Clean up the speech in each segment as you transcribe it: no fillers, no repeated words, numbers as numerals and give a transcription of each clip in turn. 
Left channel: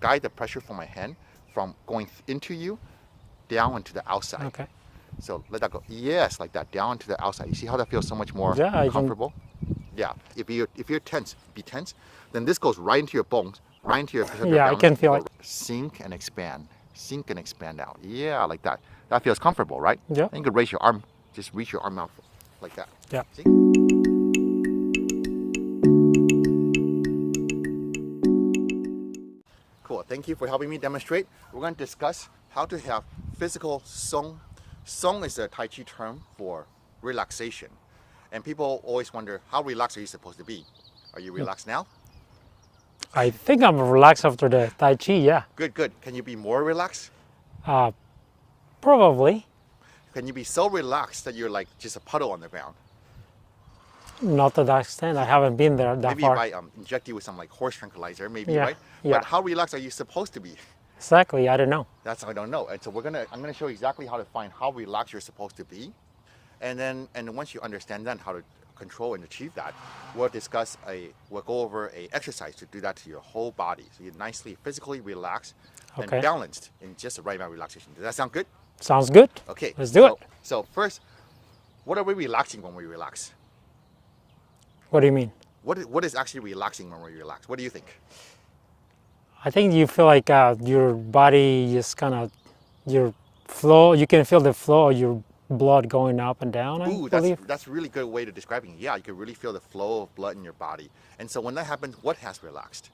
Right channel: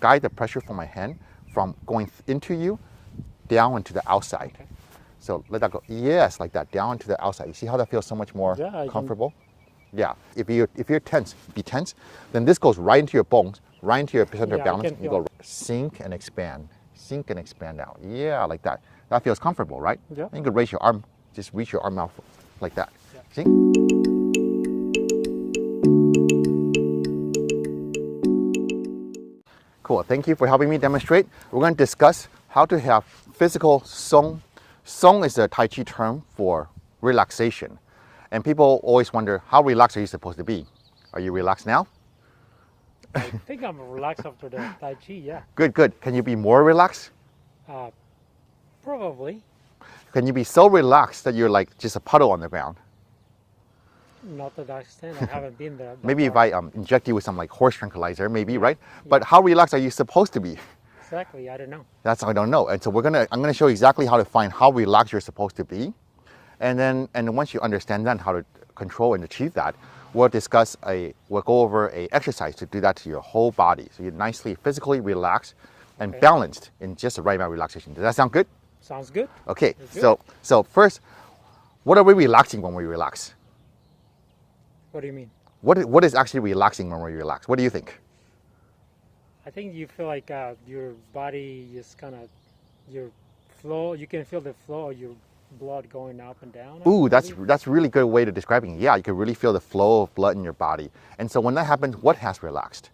guide the pressure from my hand from going into you down into the outside. Okay. So let that go. Yes, like that, down to the outside. You see how that feels so much more comfortable? Yeah. If you're tense, be tense. Then this goes right into your bones, right into your center of balance. I can feel it. Sink and expand. Sink and expand out. Yeah, like that. That feels comfortable, right? Yeah. Then you can raise your arm. Just reach your arm out like that. Yeah. See? Cool. Thank you for helping me demonstrate. We're going to discuss how to have physical song. Song is a Tai Chi term for relaxation. And people always wonder, how relaxed are you supposed to be? Are you relaxed now? I think I'm relaxed after the Tai Chi, yeah. Good, good. Can you be more relaxed? Probably. Can you be so relaxed that you're like just a puddle on the ground? Not to that extent. I haven't been there that Maybe far. if I inject you with some like horse tranquilizer, maybe, Yeah, right? yeah. But how relaxed are you supposed to be? Exactly, I don't know. That's I don't know. And so I'm gonna show you exactly how to find how relaxed you're supposed to be. And then once you understand that, how to control and achieve that, we'll go over a exercise to do that to your whole body. So you're nicely physically relaxed and balanced in just the right amount of relaxation. Does that sound good? Sounds good. Okay. Let's do it. So first, what are we relaxing when we relax? What do you mean? What is actually relaxing when we relax? What do you think? I think you feel like your body is kind of, your flow, you can feel the flow of your blood going up and down. Ooh, that's a really good way to describing it. Yeah, you can really feel the flow of blood in your body. And so when that happens, what has relaxed?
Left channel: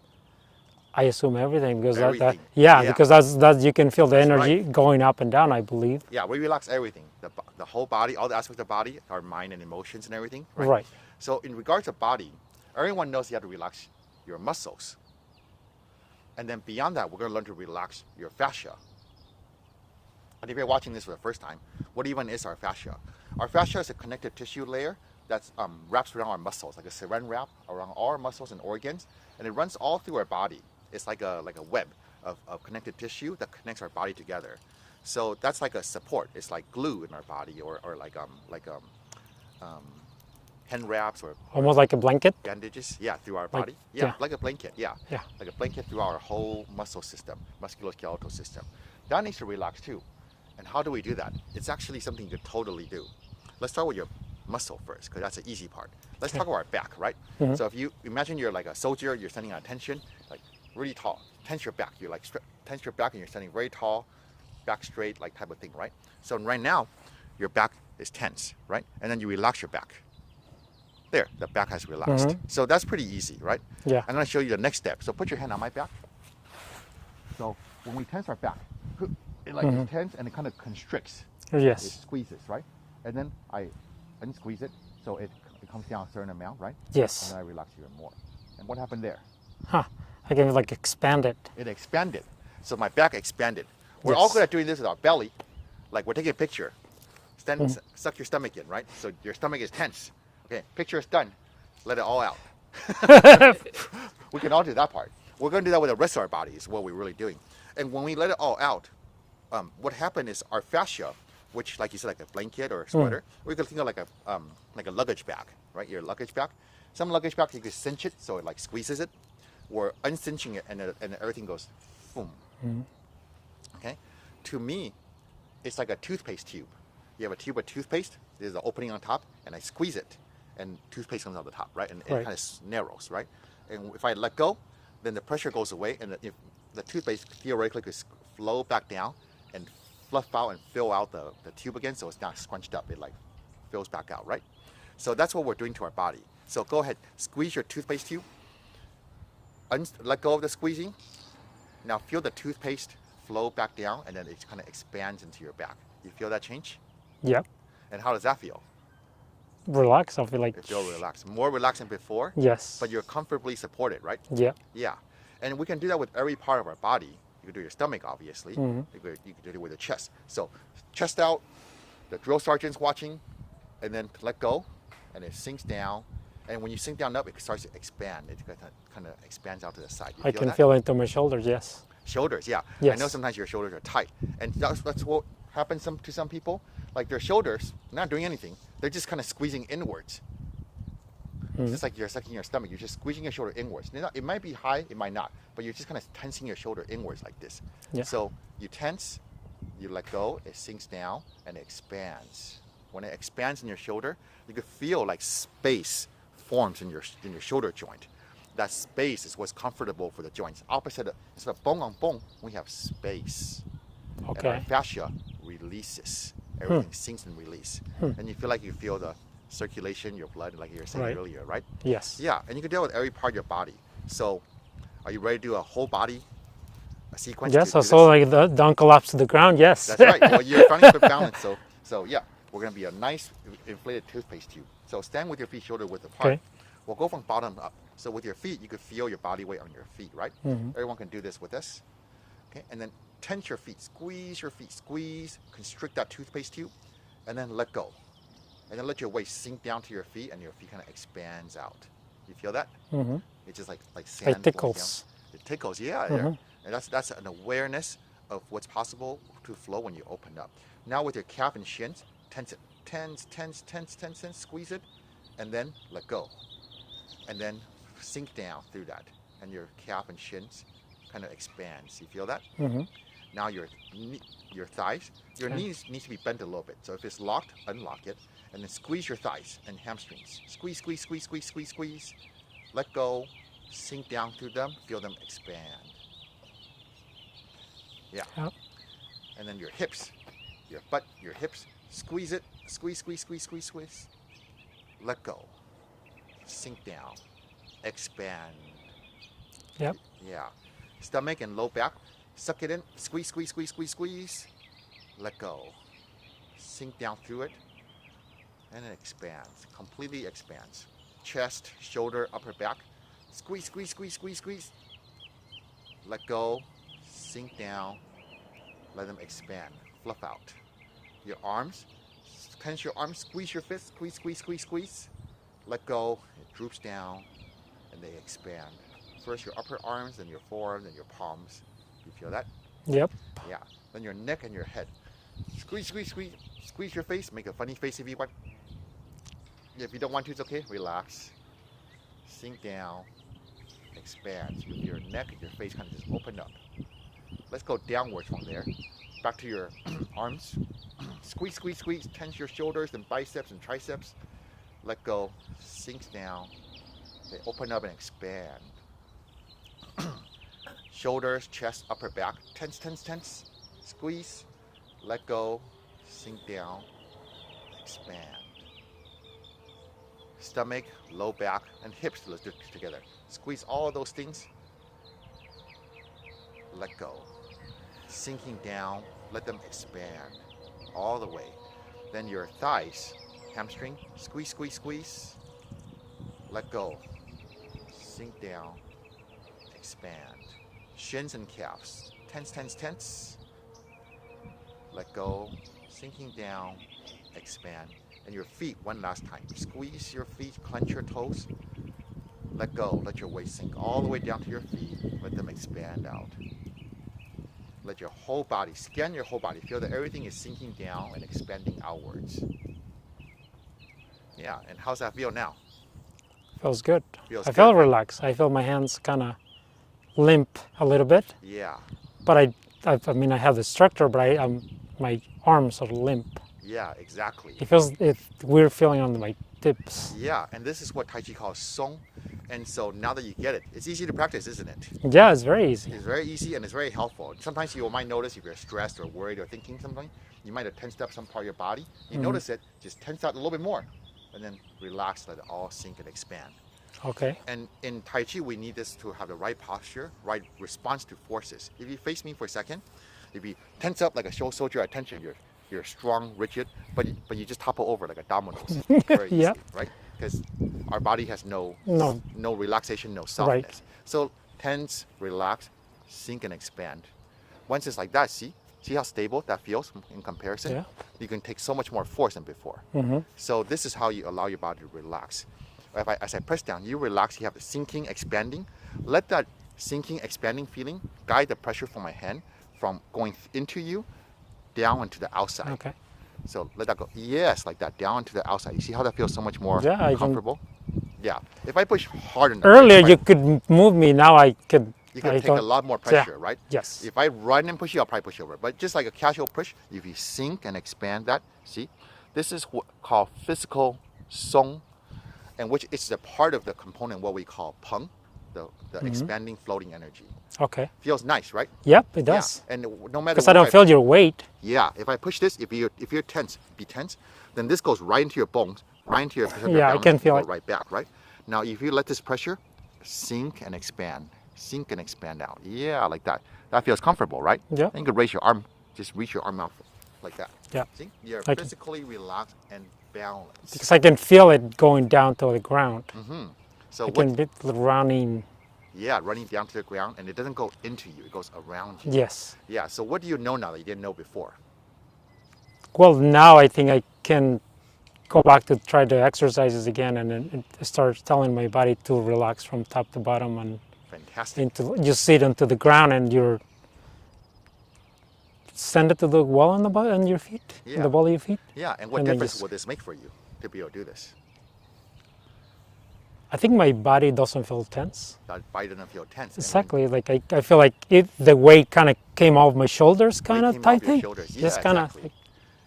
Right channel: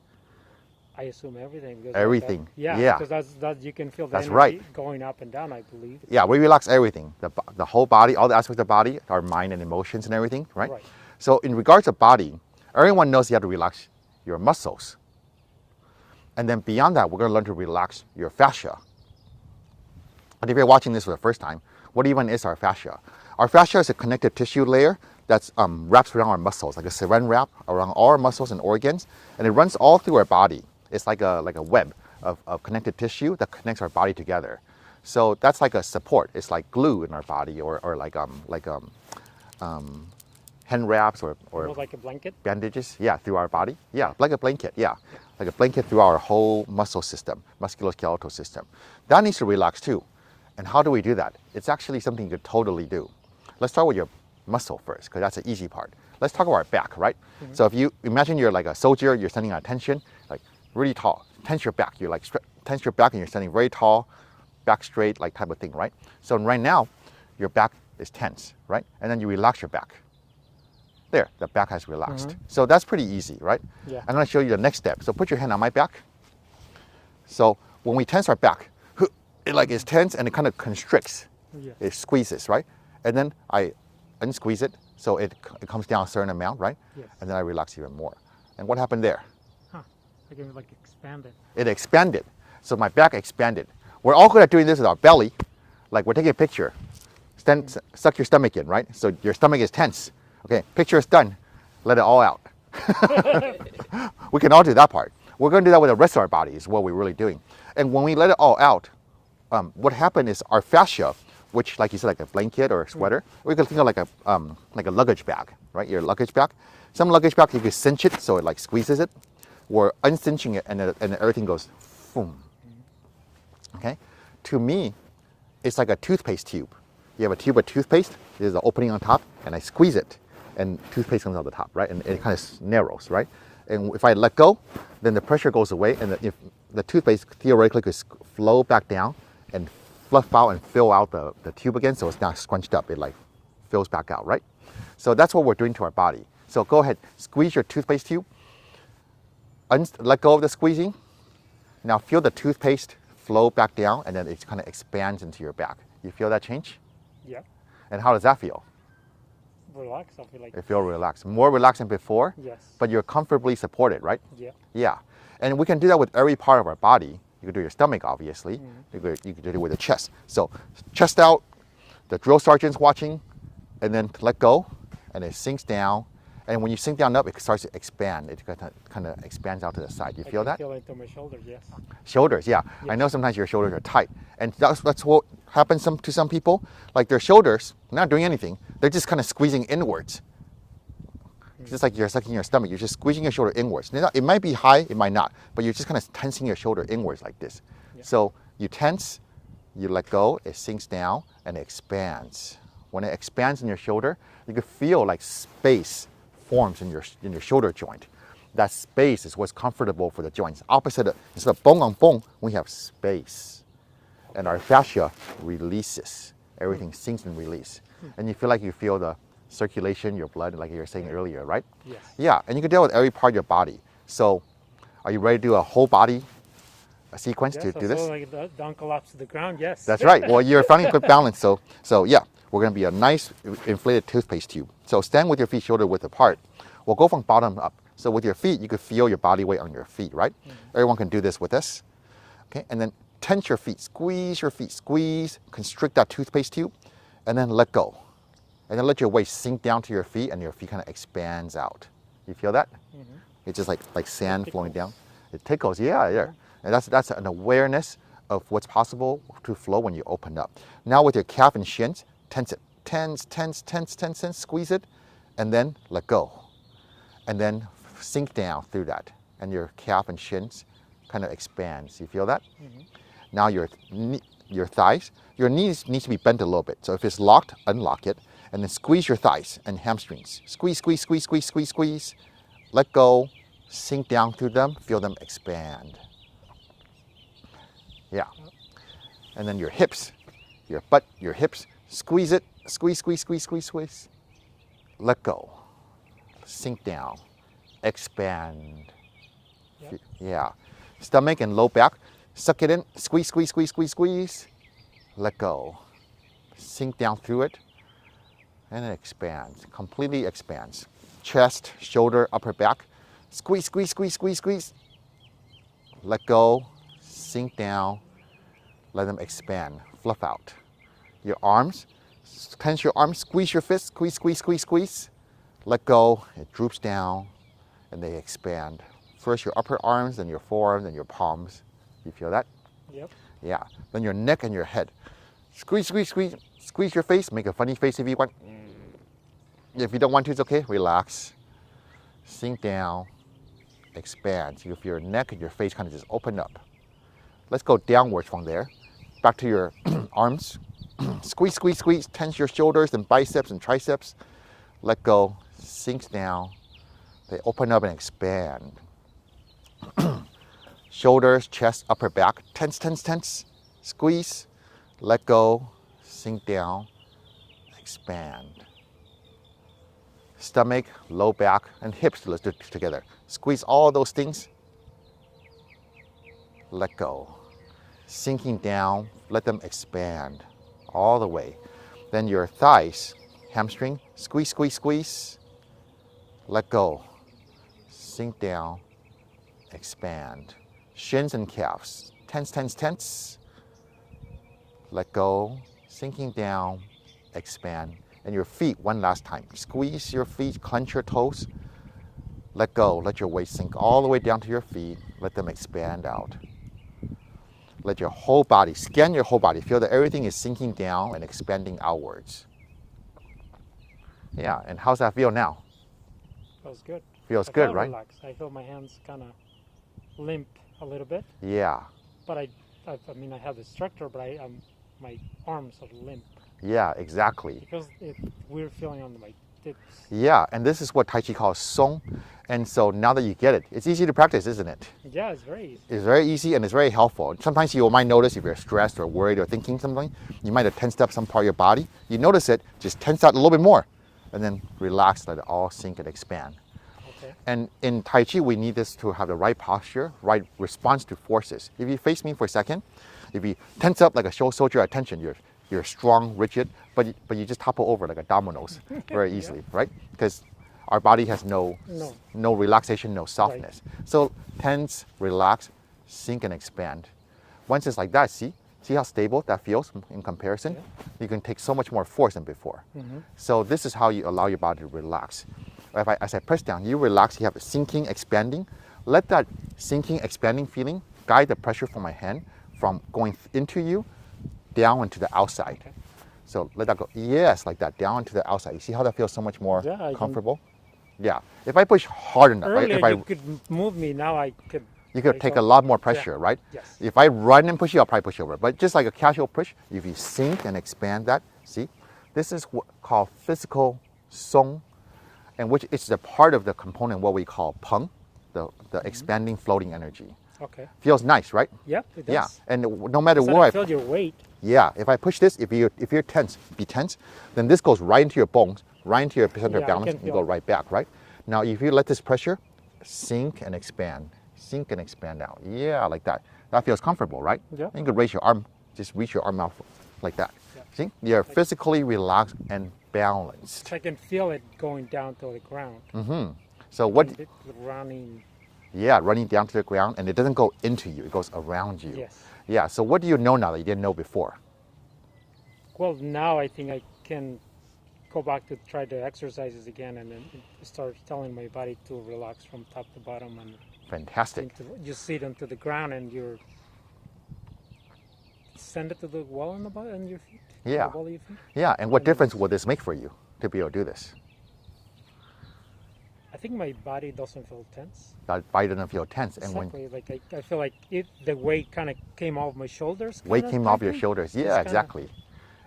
I assume everything because everything. Because that's you can feel the energy right. going up and down, I believe. Yeah, we relax everything. The whole body, all the aspects of the body, our mind and emotions and everything, right? Right. So in regards to body, everyone knows you have to relax your muscles. And then beyond that, we're going to learn to relax your fascia. But if you're watching this for the first time, what even is our fascia? Our fascia is a connective tissue layer that wraps around our muscles, like a saran wrap around all our muscles and organs, and it runs all through our body. It's like a web of connective tissue that connects our body together. So that's like a support. It's like glue in our body, or like hand wraps or Almost like a blanket? Bandages, yeah, through our body. Yeah. Like a blanket, yeah. Yeah. Like a blanket through our whole muscle system, musculoskeletal system. That needs to relax too. And how do we do that? It's actually something you could totally do. Let's start with your muscle first, because that's the easy part. Let's talk about our back, right? Mm-hmm. So if you imagine you're like a soldier, you're standing at attention, like really tall. Tense your back. You like tense your back and you're standing very tall, back straight, like type of thing, right? So right now, your back is tense, right? And then you relax your back. There, the back has relaxed. Mm-hmm. So that's pretty easy, right? Yeah. I'm going to show you the next step. So put your hand on my back. So when we tense our back, it like is tense and it kind of constricts. Yes. It squeezes, right? And then I unsqueeze it so it comes down a certain amount, right? Yes. And then I relax even more. And what happened there? Huh. I can like expand it. It expanded. So my back expanded. We're all good at doing this with our belly. Like we're taking a picture. Suck your stomach in, right? So your stomach is tense. Okay, picture is done. Let it all out. We can all do that part. We're going to do that with the rest of our body is what we're really doing. And when we let it all out, what happened is our fascia, which like you said, like a blanket or a sweater, or you can think of like a luggage bag, right? Your luggage bag. Some luggage bag, you can cinch it so it like squeezes it. We're uncinching it and everything goes boom. Okay? To me, it's like a toothpaste tube. You have a tube of toothpaste, there's an opening on top, and I squeeze it, and toothpaste comes out the top, right? And it kind of narrows, right? And if I let go, then the pressure goes away, and if the toothpaste theoretically could flow back down and fluff out and fill out the tube again, so it's not scrunched up, it like fills back out, right? So that's what we're doing to our body. So go ahead, squeeze your toothpaste tube, let go of the squeezing. Now feel the toothpaste flow back down, and then it kind of expands into your back. You feel that change? Yep. And how does that feel? Relax, I feel like. You feel relaxed. More relaxed than before? Yes. But you're comfortably supported, right? Yeah. Yeah. And we can do that with every part of our body. You can do your stomach, obviously. You can do it with the chest. So chest out, the drill sergeant's watching, and then let go, and it sinks down. And when you sink down up, it starts to expand. It kind of expands out to the side. You feel that? I can feel it into my shoulders, yes. Shoulders, yeah. Yes. I know sometimes your shoulders are tight. And that's what happens to some people. Like their shoulders, not doing anything. They're just kind of squeezing inwards. It's just like you're sucking your stomach. You're just squeezing your shoulder inwards. It might be high, it might not, but you're just kind of tensing your shoulder inwards like this. Yeah. So you tense, you let go, it sinks down and it expands. When it expands in your shoulder, you can feel like space forms in your shoulder joint. That space is what's comfortable for the joints. Opposite, instead of bong on bong, we have space. Okay. And our fascia releases. Everything sinks and release. And you feel the circulation, your blood, like you were saying earlier, right? Yes. Yeah, and you can deal with every part of your body. So, are you ready to do a whole body sequence? Yes, to do so this? like don't collapse to the ground. Yes. That's right. Well, you're finding good balance. So yeah, we're going to be a nice inflated toothpaste tube. So stand with your feet shoulder width apart. Okay. We'll go from bottom up. So with your feet, you can feel your body weight on your feet, right? Everyone can do this with us. Okay, and then tense your feet, squeeze your feet, squeeze, constrict that toothpaste tube, and then let go. And then let your weight sink down to your feet, and your feet kind of expands out. You feel that? It's just like sand flowing down. It tickles, yeah. And that's an awareness of what's possible to flow when you open up. Now with your calf and shins, tense it. Tense, squeeze it, and then let go. And then sink down through that. And your calf and shins kind of expands. You feel that? Now your thighs, your knees needs to be bent a little bit. So if it's locked, unlock it. And then squeeze your thighs and hamstrings. Squeeze. Let go, sink down through them, feel them expand. Yeah. Yep. And then your hips, your butt, your hips, squeeze it, squeeze. Let go, sink down, expand. Yep. Yeah. Stomach and low back, suck it in, squeeze. Let go, sink down through it, and it expands, completely expands. Chest, shoulder, upper back, squeeze. Let go, sink down, let them expand, fluff out. Your arms, tense your arms, squeeze your fist, squeeze. Let go, it droops down, and they expand. First your upper arms, then your forearms, then your palms. You feel that? Yep. Yeah. Then your neck and your head. Squeeze your face, make a funny face if you want. If you don't want to, it's okay, relax. Sink down, expand. So you feel your neck and your face kind of just open up. Let's go downwards from there. Back to your arms. Squeeze. Tense your shoulders and biceps and triceps. Let go, sinks down. They open up and expand. Shoulders, chest, upper back. Tense. Squeeze. Let go, sink down, expand. Stomach, low back, and hips, let's do it together. Squeeze all those things. Let go. Sinking down, let them expand all the way. Then your thighs, hamstring, squeeze. Let go. Sink down, expand. Shins and calves, tense. Let go, sinking down, expand. And your feet, one last time. Squeeze your feet, clench your toes. Let go, let your weight sink all the way down to your feet. Let them expand out. Let your whole body, scan your whole body. Feel that everything is sinking down and expanding outwards. Yeah, and how's that feel now? Feels good. Feels I good, feel right? relaxed. I feel my hands kind of limp a little bit, Yeah, but I mean I have the structure, but my arms are limp. yeah, exactly. It feels weird feeling on my tips. Yeah, and this is what Tai Chi calls Song. And so now that you get it, it's easy to practice, isn't it? Yeah, it's very easy. It's very easy and it's very helpful. Sometimes you might notice if you're stressed or worried or thinking something, you might have tensed up some part of your body. You notice it, just tense out a little bit more, and then relax, let it all sink and expand. Okay. And in Tai Chi, we need this to have the right posture, right response to forces. If you face me for a second, if you tense up like a show soldier at attention, you're strong, rigid, but you just topple over like a dominoes very easily, Yeah. right? Because our body has no relaxation, no softness. So tense, relax, sink and expand. Once it's like that, see how stable that feels in comparison? Yeah. You can take so much more force than before. So this is how you allow your body to relax. As I press down, you relax, you have a sinking, expanding. Let that sinking, expanding feeling guide the pressure from my hand from going into you, down into the outside. Okay. So let that go. Yes, like that, down to the outside. You see how that feels so much more Yeah, comfortable? Yeah. If I push hard enough, right, Earlier if I- you could move me. Now I could. you could I take a don't- lot more yeah. pressure, right? Yes. If I run and push you, I'll probably push over. But just like a casual push, if you sink and expand that, see, this is what called physical song, and which is a part of the component what we call Peng, the expanding floating energy. Okay. Feels nice, right? Yep, it does. Yeah. And no matter Because I where don't feel your weight. yeah, if I push this, if you're tense, be tense, then this goes right into your bones, right into your center of Yeah, I balance, can and feel go it. right back, right? Now, if you let this pressure sink and expand out. Yeah, like that. That feels comfortable, right? Yeah. Then you can raise your arm, just reach your arm out like that. Yeah. See, you're can- physically relaxed and balanced. Because I can feel it going down to the ground. So I what? can be running. Yeah, running down to the ground, and it doesn't go into you; it goes around you. Yes. Yeah. So what do you know now that you didn't know before? Well, now I think I can go back to try the exercises again, and then start telling my body to relax from top to bottom and Fantastic. into just sit onto the ground, and you're send it to the wall on on your feet, Yeah. the ball of your feet. Yeah. And what And then difference just- will this make for you to be able to do this? I think my body doesn't feel tense. That body doesn't feel tense. and when Exactly, like I feel like the weight kind of came off my shoulders, weight kind of came type off your thing. shoulders. Just Yeah, kinda- exactly.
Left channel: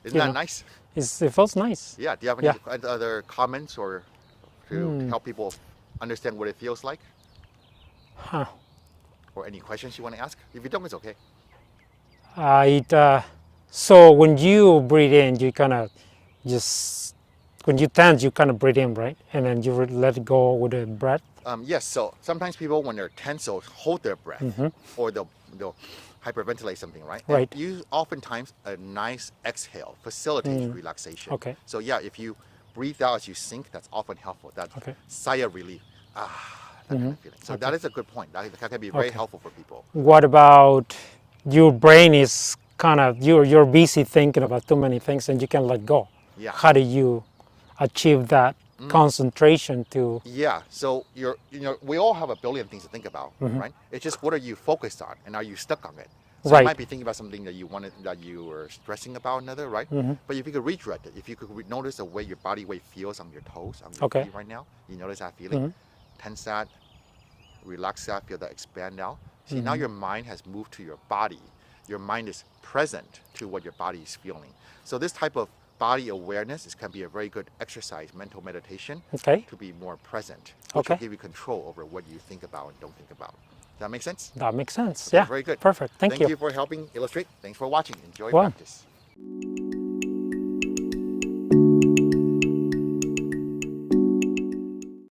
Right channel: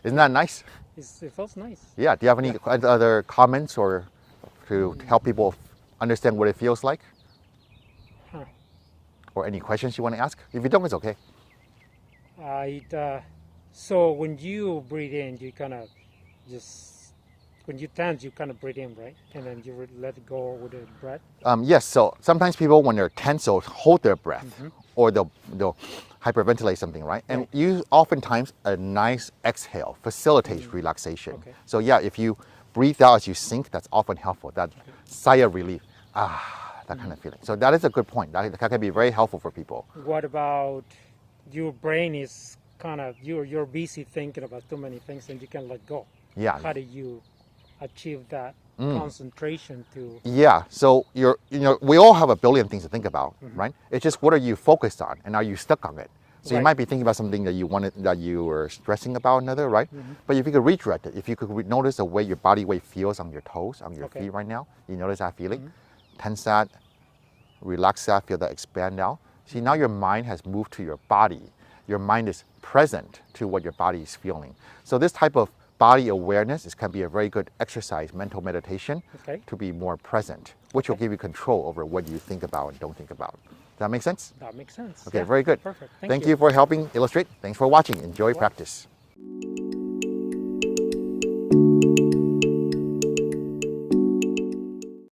Isn't you that know. nice? It feels nice. Yeah. Do you have any Yeah. other comments or to help people understand what it feels like? Huh. Or any questions you want to ask? If you don't, it's okay. So when you breathe in, you kind of just, when you tense, you kind of breathe in, right? And then you let it go with the breath. Yes. So sometimes people, when they're tense, they'll hold their breath, or they'll hyperventilate something, right? Right. And you oftentimes a nice exhale facilitates relaxation. Okay. So yeah, if you breathe out as you sink, that's often helpful. That Okay. sigh of relief, that kind of feeling. So that is a good point. That can be very helpful for people. What about your brain is kind of, you're busy thinking about too many things and you can let go. Yeah. How do you achieve that concentration to, Yeah, so we all have a billion things to think about, right? It's just what are you focused on, and are you stuck on it? So you Right. might be thinking about something that you were stressing about another, right? But if you could redirect it, if you could notice the way your body weight feels on your toes, on your Okay. feet right now, you notice that feeling, tense that, relax that, feel that expand now. See, now your mind has moved to your body. Your mind is present to what your body is feeling. So this type of body awareness can be a very good exercise, mental meditation, Okay. to be more present, which will Okay. give you control over what you think about and don't think about. Does that make sense? that makes sense. Okay, Yeah, very good. Perfect. Thank you. you for helping illustrate. Thanks for watching. Enjoy Well. practice.